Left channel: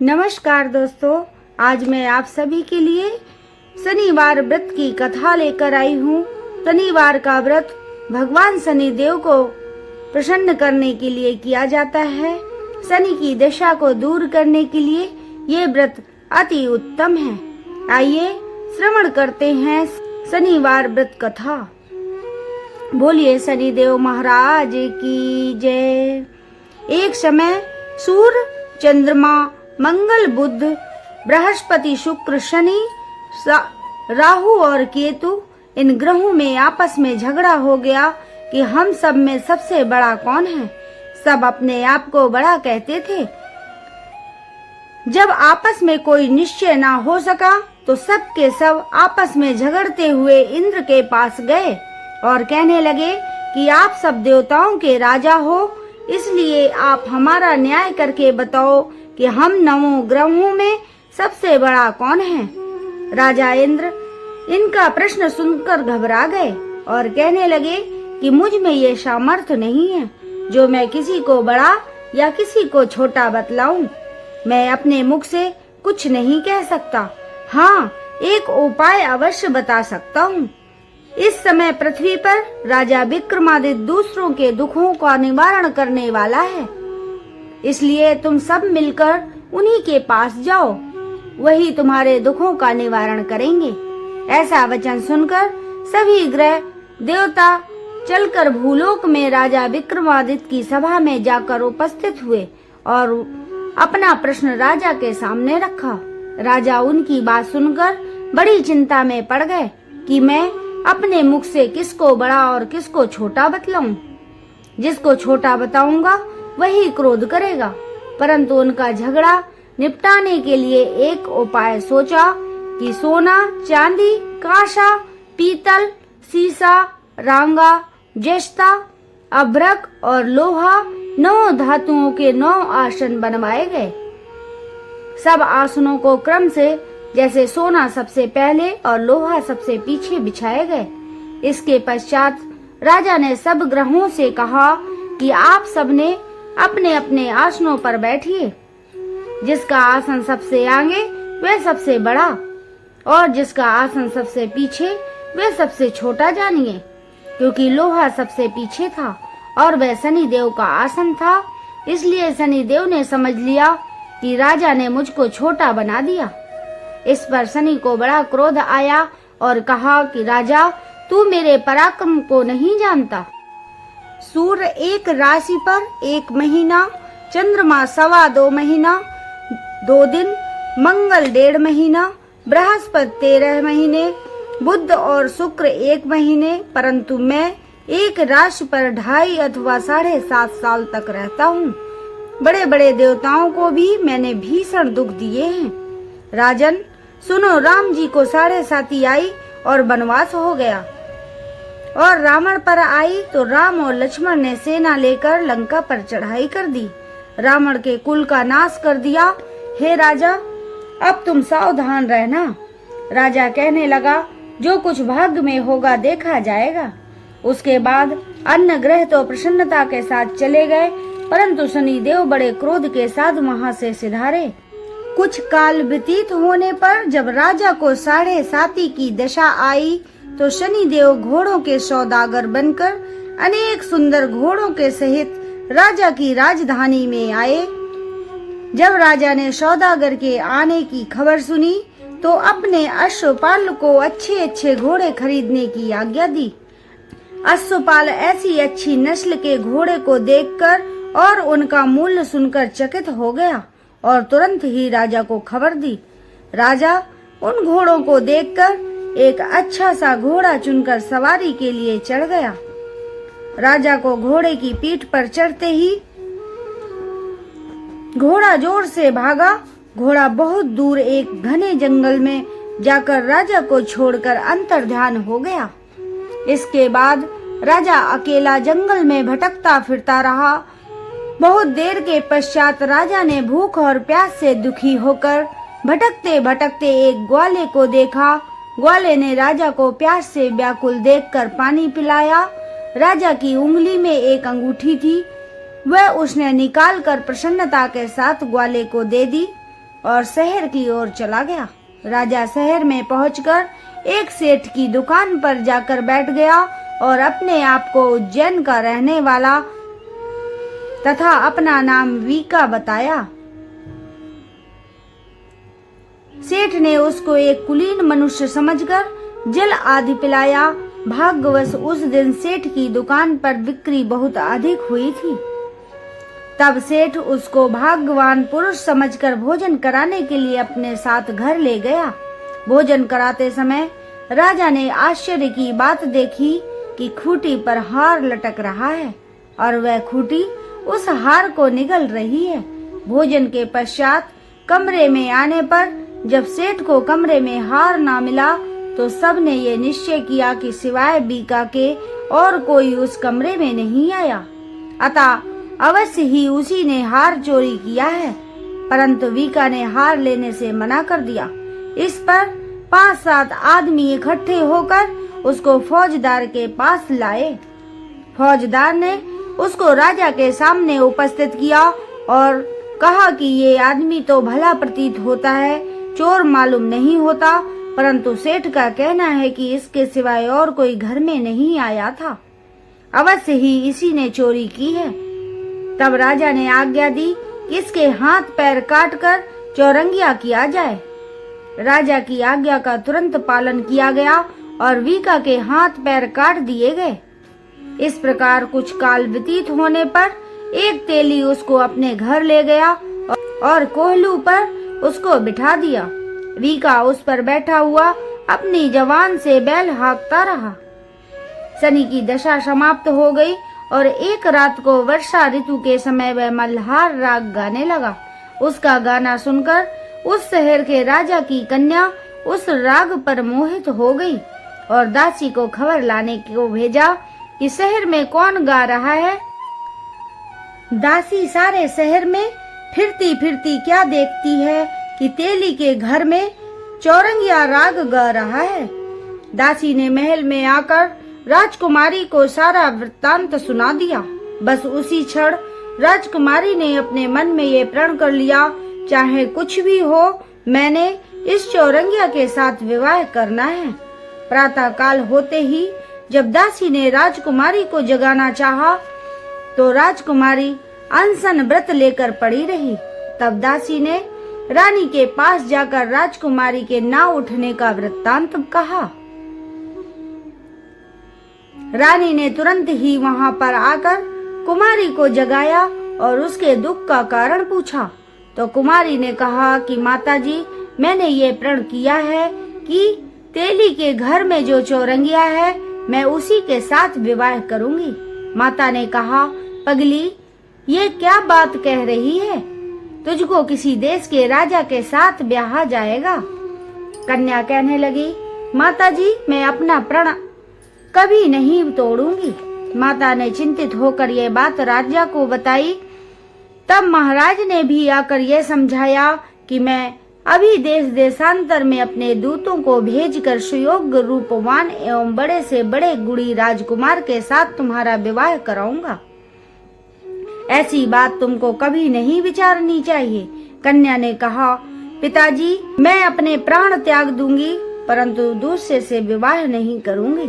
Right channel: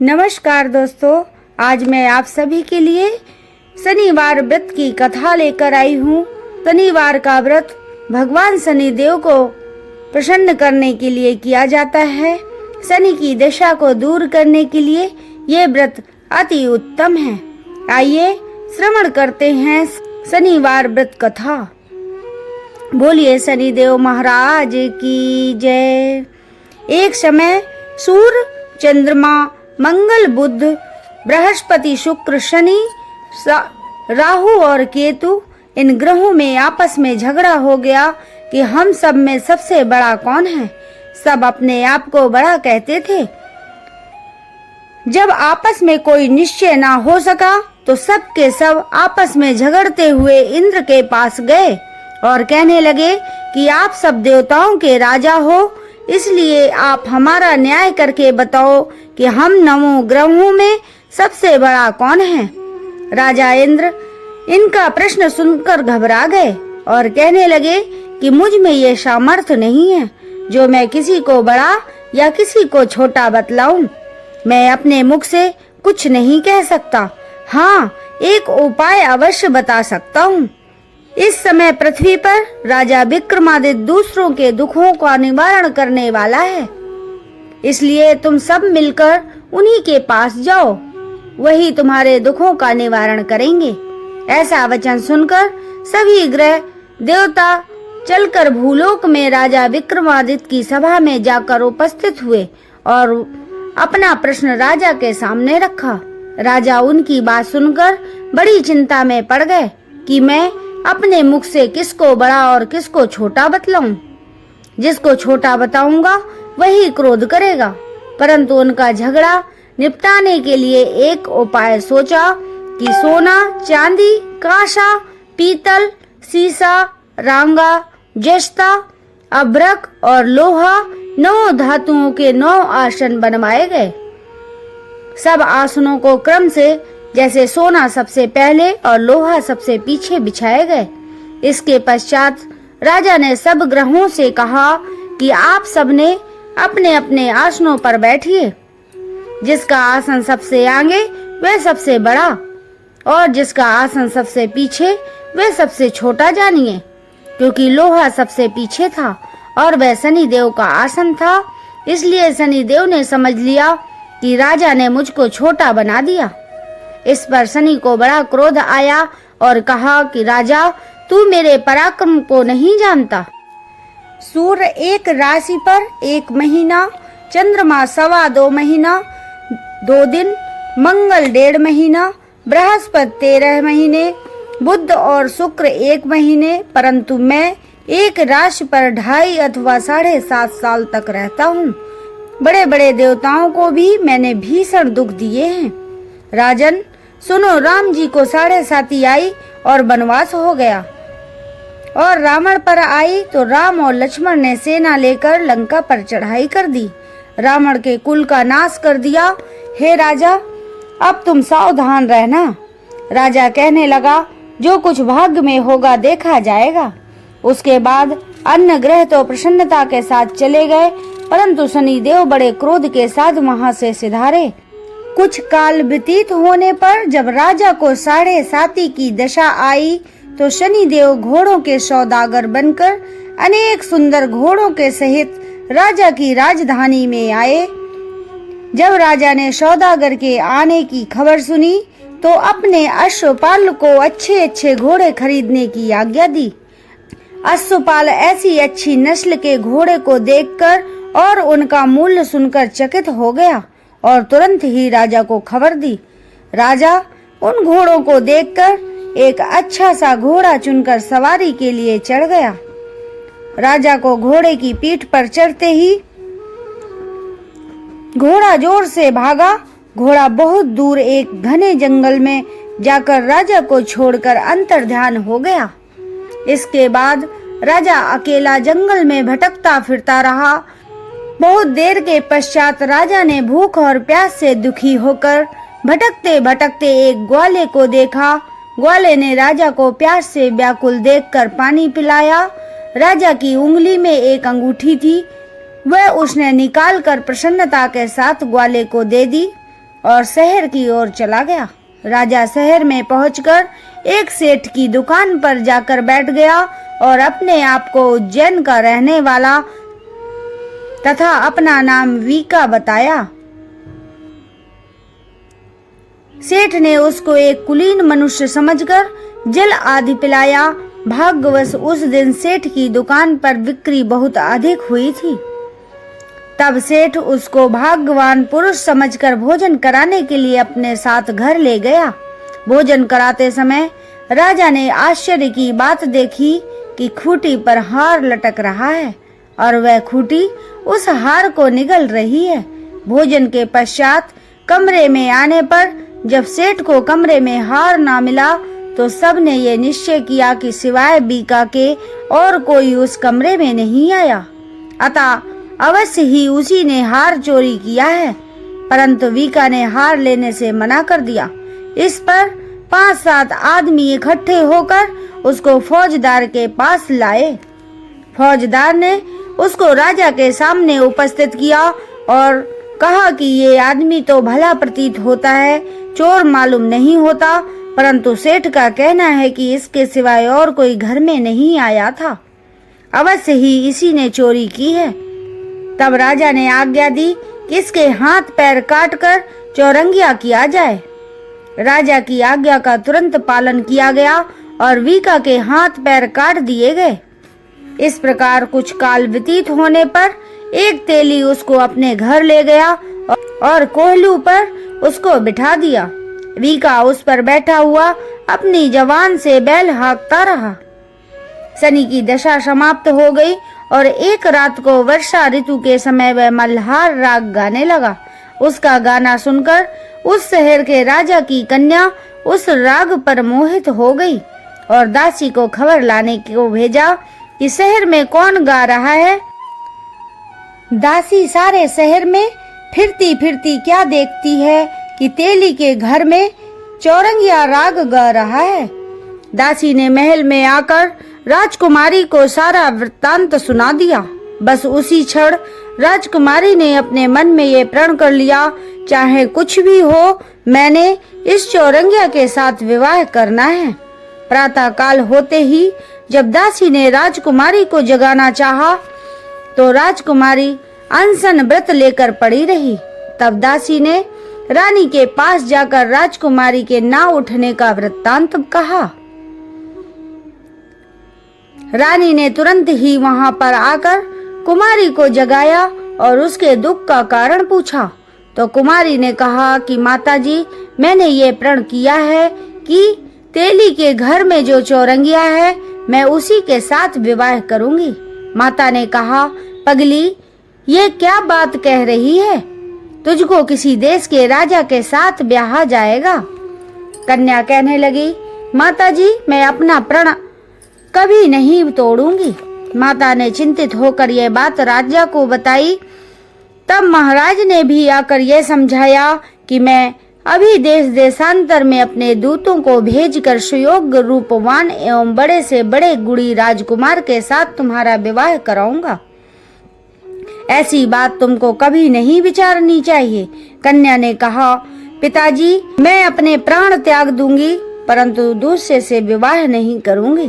नमस्कार दोस्तों, आज मैं आप सभी के लिए शनिवार व्रत की कथा लेकर आई हूँ। शनिवार का व्रत भगवान शनिदेव को प्रसन्न करने के लिए किया जाता है। शनि की दशा को दूर करने के लिए ये व्रत अति उत्तम है। आइए श्रवण करते हैं शनिवार व्रत कथा। बोलिए शनिदेव महाराज की जय। एक समय सूर्य, चंद्रमा, मंगल, बुध, बृहस्पति, शुक्र, शनि, राहु और केतु, इन ग्रहों में आपस में झगड़ा हो गया कि हम सब में सबसे बड़ा कौन है। सब अपने आप को बड़ा कहते थे। जब आपस में कोई निश्चय ना हो सका तो सब के सब आपस में झगड़ते हुए इंद्र के पास गए और कहने लगे कि आप सब देवताओं के राजा हो, इसलिए आप हमारा न्याय करके बताओ कि हम नवों ग्रहों में सबसे बड़ा कौन है। राजा इंद्र इनका प्रश्न सुनकर घबरा गए और कहने लगे कि मुझ में ये सामर्थ्य नहीं है जो मैं किसी को बड़ा या किसी को छोटा बतलाऊं। मैं अपने मुख से कुछ नहीं कह सकता। हाँ, एक उपाय अवश्य बता सकता हूँ। इस समय पृथ्वी पर राजा विक्रमादित्य दूसरों के दुखों का निवारण करने वाला है, इसलिए तुम सब मिलकर उन्हीं के पास जाओ, वही तुम्हारे दुखों का निवारण करेंगे। ऐसा वचन सुनकर सभी ग्रह देवता चलकर भूलोक में राजा विक्रमादित्य की सभा में जाकर उपस्थित हुए और अपना प्रश्न राजा के सामने रखा। राजा उनकी बात सुनकर बड़ी चिंता में पड़ गए कि मैं अपने मुख से किसको बड़ा और किसको छोटा बतलाऊं। जिसको छोटा बताऊंगा वही क्रोध करेगा। परंतु उनका झगड़ा निपटाने के लिए एक उपाय सोचा कि सोना, चांदी, कांसा, पीतल, सीसा, रांगा, जस्ता, अभ्रक और लोहा 9 धातुओं के 9 आसन बनवाए गए। सब आसनों को क्रम से, जैसे सोना सबसे पहले और लोहा सबसे पीछे बिछाए गए। इसके पश्चात राजा ने सब ग्रहों से कहा कि आप सबने अपने अपने आसनों पर बैठिए। जिसका आसन सबसे आगे वह सबसे बड़ा और जिसका आसन सबसे पीछे वह सबसे छोटा जानिए। क्योंकि लोहा सबसे पीछे था और वह शनिदेव का आसन था, इसलिए शनिदेव ने समझ लिया कि राजा ने मुझको छोटा बना दिया। इस पर शनि को बड़ा क्रोध आया और कहा कि राजा, तू मेरे पराक्रम को नहीं जानता। सूर्य एक राशि पर 1 महीना, चंद्रमा 2.25 महीना 2 दिन, मंगल 1.5 महीना, बृहस्पति 13 महीने, बुध और शुक्र 1 महीने, परंतु मैं एक राशि पर 2.5 अथवा 7.5 साल तक रहता हूँ। बड़े बड़े देवताओं को भी मैंने भीषण दुख दिए हैं। राजन सुनो, राम जी को 7.5 आई और वनवास हो गया और रावण पर आई तो राम और लक्ष्मण ने सेना लेकर लंका पर चढ़ाई कर दी, रावण के कुल का नाश कर दिया। हे राजा, अब तुम सावधान रहना। राजा कहने लगा, जो कुछ भाग्य में होगा देखा जाएगा। उसके बाद अन्य ग्रह तो प्रसन्नता के साथ चले गए, परंतु शनिदेव बड़े क्रोध के साथ वहां से सिधारे। कुछ काल व्यतीत होने पर जब राजा को 7.5 की दशा आई तो शनिदेव घोड़ों के सौदागर बनकर अनेक सुंदर घोड़ों के सहित राजा की राजधानी में आए। जब राजा ने सौदागर के आने की खबर सुनी तो अपने अश्वपाल को अच्छे अच्छे घोड़े खरीदने की आज्ञा दी। अश्वपाल ऐसी अच्छी नस्ल के घोड़े को देखकर और उनका मूल्य सुनकर चकित हो गया और तुरंत ही राजा को खबर दी। राजा उन घोड़ों को देखकर एक अच्छा सा घोड़ा चुनकर सवारी के लिए चढ़ गया। राजा को घोड़े की पीठ पर चढ़ते ही घोड़ा जोर से भागा। घोड़ा बहुत दूर एक घने जंगल में जाकर राजा को छोड़कर अंतर्ध्यान हो गया। इसके बाद राजा अकेला जंगल में भटकता फिरता रहा। बहुत देर के पश्चात राजा ने भूख और प्यास से दुखी होकर भटकते भटकते एक ग्वाले को देखा। ग्वाले ने राजा को प्यास से व्याकुल देखकर पानी पिलाया। राजा की उंगली में एक अंगूठी थी, वह उसने निकालकर प्रसन्नता के साथ ग्वाले को दे दी। और शहर की ओर चला गया। राजा शहर में पहुंचकर एक सेठ की दुकान पर जाकर बैठ गया और अपने आप को उज्जैन का रहने वाला तथा अपना नाम वीका बताया। सेठ ने उसको एक कुलीन मनुष्य समझकर जल आदि पिलाया। भाग्यवश उस दिन सेठ की दुकान पर बिक्री बहुत अधिक हुई थी। तब सेठ उसको भाग्यवान पुरुष समझकर भोजन कराने के लिए अपने साथ घर ले गया। भोजन कराते समय राजा ने आश्चर्य की बात देखी कि खूंटी पर हार लटक रहा है और वह खूंटी उस हार को निगल रही है। भोजन के पश्चात कमरे में आने पर जब सेठ को कमरे में हार ना मिला तो सबने ये निश्चय किया कि सिवाय बीका के और कोई उस कमरे में नहीं आया, अतः अवश्य ही उसी ने हार चोरी किया है। परंतु बीका ने हार लेने से मना कर दिया। इस पर 5-7 आदमी इकट्ठे होकर उसको फौजदार के पास लाए। फौजदार ने उसको राजा के सामने उपस्थित किया और कहा कि ये आदमी तो भला प्रतीत होता है, चोर मालूम नहीं होता, परंतु सेठ का कहना है कि इसके सिवाय और कोई घर में नहीं आया था, अवश्य ही इसी ने चोरी की है। तब राजा ने आज्ञा दी कि इसके हाथ पैर काटकर चौरंगिया किया जाए। राजा की आज्ञा का तुरंत पालन किया गया और वीका के हाथ पैर काट दिए गए। इस प्रकार कुछ काल व्यतीत होने पर एक तेली उसको अपने घर ले गया और कोहलू पर उसको बिठा दिया। वीका उस पर बैठा हुआ अपनी जवान से बैल हाँकता रहा। शनि की दशा समाप्त हो गई और एक रात को वर्षा ऋतु के समय वह मल्हार राग गाने लगा। उसका गाना सुनकर उस शहर के राजा की कन्या उस राग पर मोहित हो गई और दासी को खबर लाने को भेजा कि शहर में कौन गा रहा है। दासी सारे शहर में फिरती फिरती क्या देखती है कि तेली के घर में चौरंगिया राग गा रहा है। दासी ने महल में आकर राजकुमारी को सारा वृत्तांत सुना दिया। बस उसी क्षण राजकुमारी ने अपने मन में ये प्रण कर लिया, चाहे कुछ भी हो, मैंने इस चौरंगिया के साथ विवाह करना है। प्रातः काल होते ही जब दासी ने राजकुमारी को जगाना चाहा तो राजकुमारी अनशन व्रत लेकर पड़ी रही। तब दासी ने रानी के पास जाकर राजकुमारी के ना उठने का वृत्तांत कहा। रानी ने तुरंत ही वहां पर आकर कुमारी को जगाया और उसके दुख का कारण पूछा। तो कुमारी ने कहा कि माताजी, मैंने ये प्रण किया है कि तेली के घर में जो चौरंगिया है मैं उसी के साथ विवाह करूंगी। माता ने कहा, पगली, ये क्या बात कह रही है? तुझको किसी देश के राजा के साथ ब्याहा जाएगा। कन्या कहने लगी, माताजी, मैं अपना प्रण कभी नहीं तोड़ूंगी। माता ने चिंतित होकर यह बात राजा को बताई। तब महाराज ने भी आकर यह समझाया कि मैं अभी देश देशांतर में अपने दूतों को भेजकर सुयोग्य रूपवान एवं बड़े से बड़े गुणी राजकुमार के साथ तुम्हारा विवाह कराऊंगा। ऐसी बात तुमको कभी नहीं विचारनी चाहिए। कन्या ने कहा, पिताजी, मैं अपने प्राण त्याग दूंगी, परंतु दूसरे से विवाह नहीं करूंगी।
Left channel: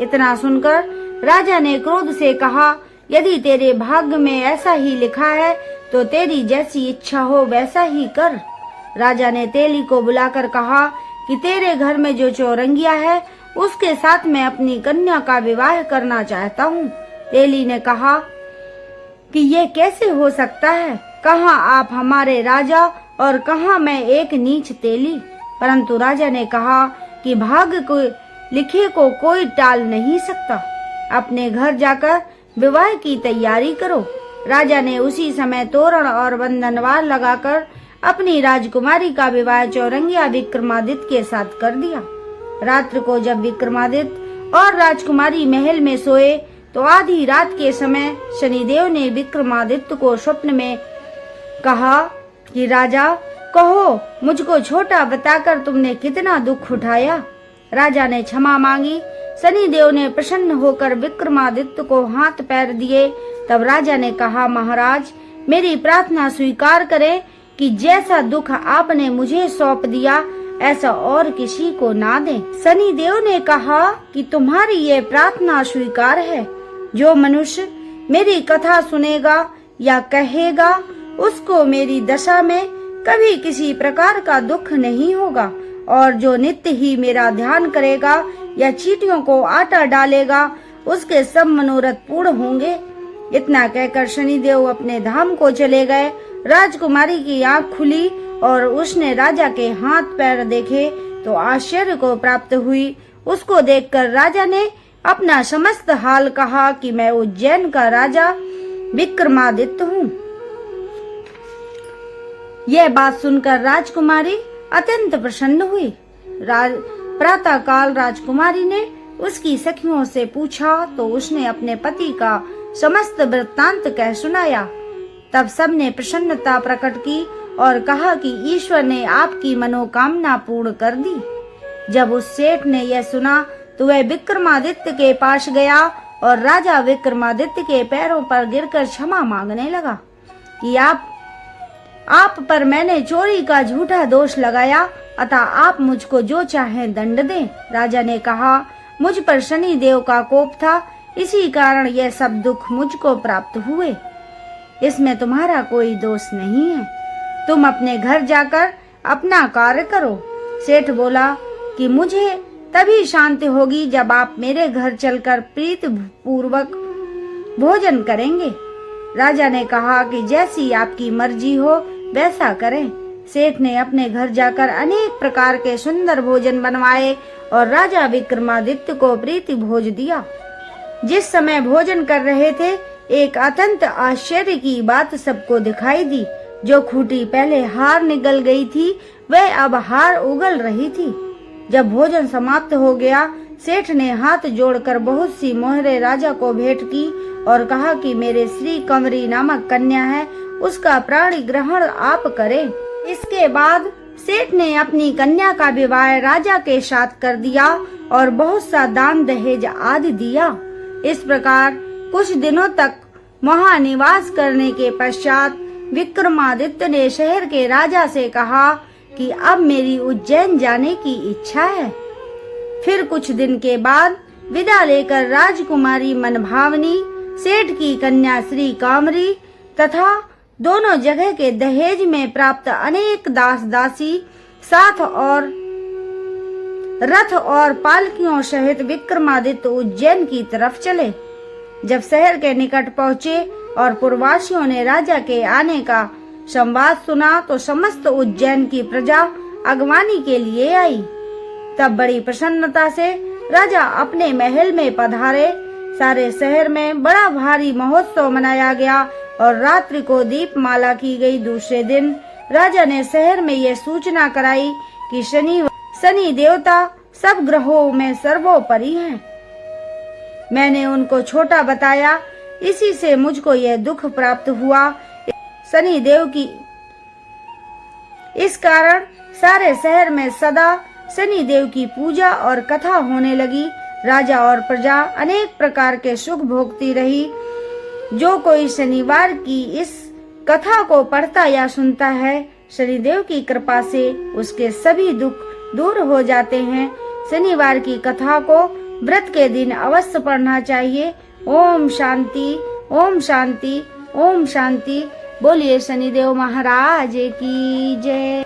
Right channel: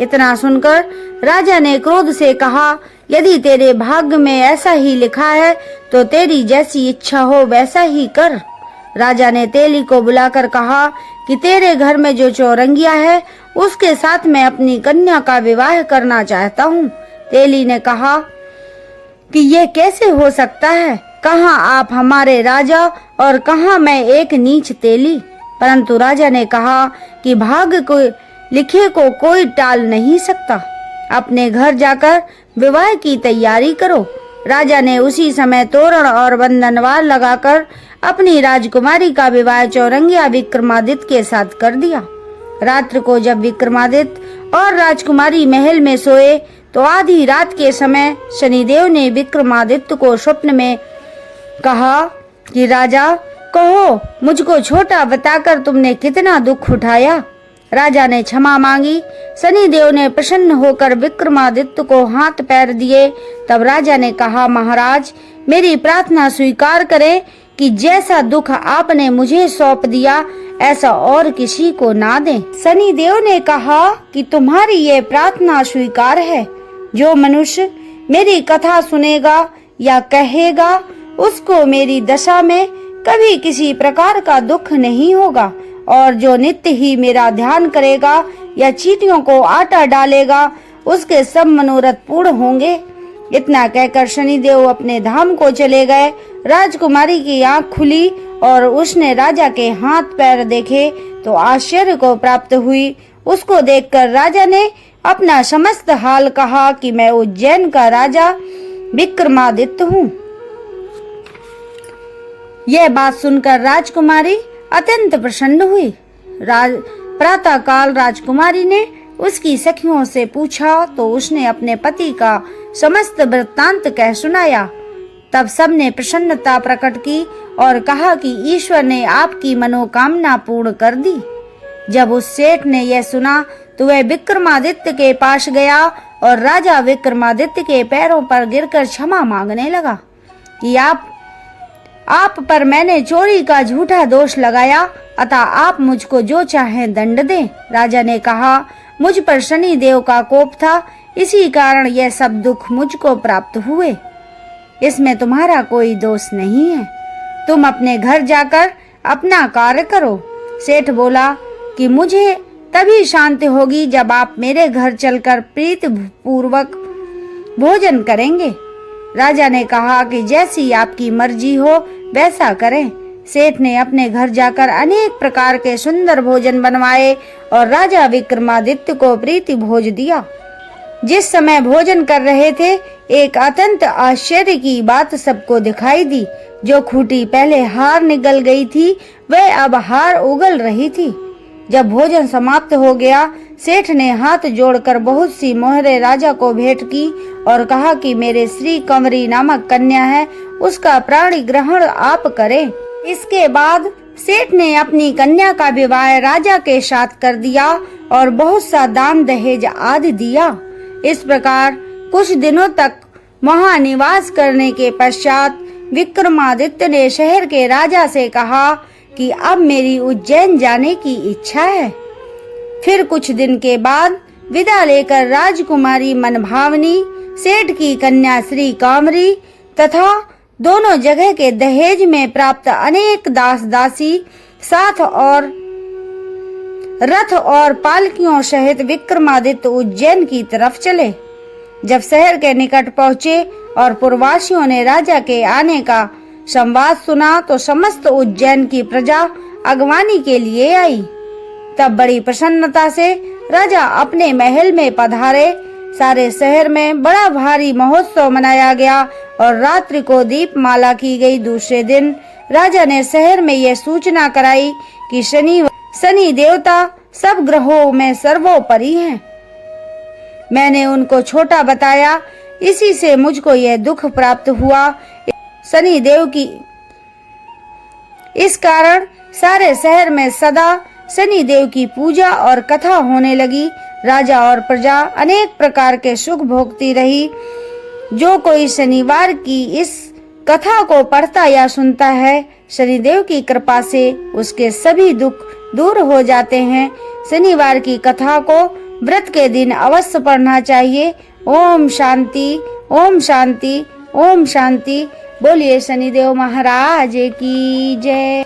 इतना सुनकर राजा ने क्रोध से कहा, यदि तेरे भाग्य में ऐसा ही लिखा है तो तेरी जैसी इच्छा हो वैसा ही कर। राजा ने तेली को बुलाकर कहा कि तेरे घर में जो चौरंगिया है उसके साथ मैं अपनी कन्या का विवाह करना चाहता हूँ। तेली ने कहा कि ये कैसे हो सकता है? कहाँ आप हमारे राजा और कहाँ मैं एक नीच तेली। परंतु राजा ने कहा कि भाग्य को लिखे को कोई टाल नहीं सकता। अपने घर जाकर विवाह की तैयारी करो। राजा ने उसी समय तोरण और बंधनवार लगाकर अपनी राजकुमारी का विवाह चौरंगिया विक्रमादित्य के साथ कर दिया। रात्रि को जब विक्रमादित्य और राजकुमारी महल में सोए तो आधी रात के समय शनिदेव ने विक्रमादित्य को स्वप्न में कहा कि राजा, कहो, मुझको छोटा बताकर तुमने कितना दुख उठाया। राजा ने क्षमा मांगी। शनिदेव ने प्रसन्न होकर विक्रमादित्य को हाथ पैर दिए। तब राजा ने कहा, महाराज, मेरी प्रार्थना स्वीकार करें। कि जैसा दुख आपने मुझे सौंप दिया ऐसा और किसी को ना दें। शनिदेव ने कहा कि तुम्हारी ये प्रार्थना स्वीकार है। जो मनुष्य मेरी कथा सुनेगा या कहेगा उसको मेरी दशा में कभी किसी प्रकार का दुख नहीं होगा, और जो नित्य ही मेरा ध्यान करेगा या चींटियों को आटा डालेगा उसके सब मनोरथ पूर्ण होंगे। इतना कहकर शनिदेव अपने धाम को चले गए। राजकुमारी की आंख खुली और उसने राजा के हाथ पैर देखे तो आश्चर्य को प्राप्त हुई। उसको देखकर राजा ने अपना समस्त हाल कहा कि मैं उज्जैन का राजा विक्रमादित्य हूँ। यह बात सुनकर राजकुमारी अत्यंत प्रसन्न हुई। प्रातः काल राजकुमारी ने उसकी सखियों से पूछा तो उसने अपने पति का समस्त वृत्तांत कह सुनाया। तब सबने प्रसन्नता प्रकट की और कहा कि ईश्वर ने आपकी मनोकामना पूर्ण कर दी। जब उस सेठ ने यह सुना तो वह विक्रमादित्य के पास गया और राजा विक्रमादित्य के पैरों पर गिरकर क्षमा मांगने लगा कि आप पर मैंने चोरी का झूठा दोष लगाया, अतः आप मुझको जो चाहें दंड दें। राजा ने कहा, मुझ पर शनि देव का कोप था, इसी कारण यह सब दुख मुझको प्राप्त हुए। इसमें तुम्हारा कोई दोष नहीं है। तुम अपने घर जाकर अपना कार्य करो। सेठ बोला कि मुझे तभी शांति होगी जब आप मेरे घर चलकर प्रीति पूर्वक भोजन करेंगे। राजा ने कहा कि जैसी आपकी मर्जी हो वैसा करें। सेठ ने अपने घर जाकर अनेक प्रकार के सुंदर भोजन बनवाए और राजा विक्रमादित्य को प्रीति भोज दिया। जिस समय भोजन कर रहे थे एक अत्यंत आश्चर्य की बात सबको दिखाई दी। जो खूंटी पहले हार निगल गई थी वह अब हार उगल रही थी। जब भोजन समाप्त हो गया सेठ ने हाथ जोड़कर बहुत सी मोहरें राजा को भेंट की और कहा कि मेरे श्री कंवरी नामक कन्या है, उसका प्राणी ग्रहण आप करें। इसके बाद सेठ ने अपनी कन्या का विवाह राजा के साथ कर दिया और बहुत सा दान दहेज आदि दिया। इस प्रकार कुछ दिनों तक वहाँ निवास करने के पश्चात विक्रमादित्य ने शहर के राजा से कहा कि अब मेरी उज्जैन जाने की इच्छा है। फिर कुछ दिन के बाद विदा लेकर राजकुमारी मनभावनी, सेठ की कन्या श्री कामरी तथा दोनों जगह के दहेज में प्राप्त अनेक दास दासी साथ और रथ और पालकियों सहित विक्रमादित्य उज्जैन की तरफ चले। जब शहर के निकट पहुँचे और पुरवासियों ने राजा के आने का संवाद सुना तो समस्त उज्जैन की प्रजा अगवानी के लिए आई। तब बड़ी प्रसन्नता से राजा अपने महल में पधारे। सारे शहर में बड़ा भारी महोत्सव मनाया गया और रात्रि को दीपमाला की गई। दूसरे दिन राजा ने शहर में यह सूचना कराई कि शनि देवता सब ग्रहों में सर्वोपरि हैं। मैंने उनको छोटा बताया, इसी से मुझको यह दुख प्राप्त हुआ। शनि देव की इस कारण सारे शहर में सदा शनि देव की पूजा और कथा होने लगी। राजा और प्रजा अनेक प्रकार के सुख भोगती रही। जो कोई शनिवार की इस कथा को पढ़ता या सुनता है, शनिदेव की कृपा से उसके सभी दुख दूर हो जाते हैं। शनिवार की कथा को व्रत के दिन अवश्य पढ़ना चाहिए। ओम शांति, ओम शांति, ओम शांति। बोलिए शनिदेव महाराज की जय।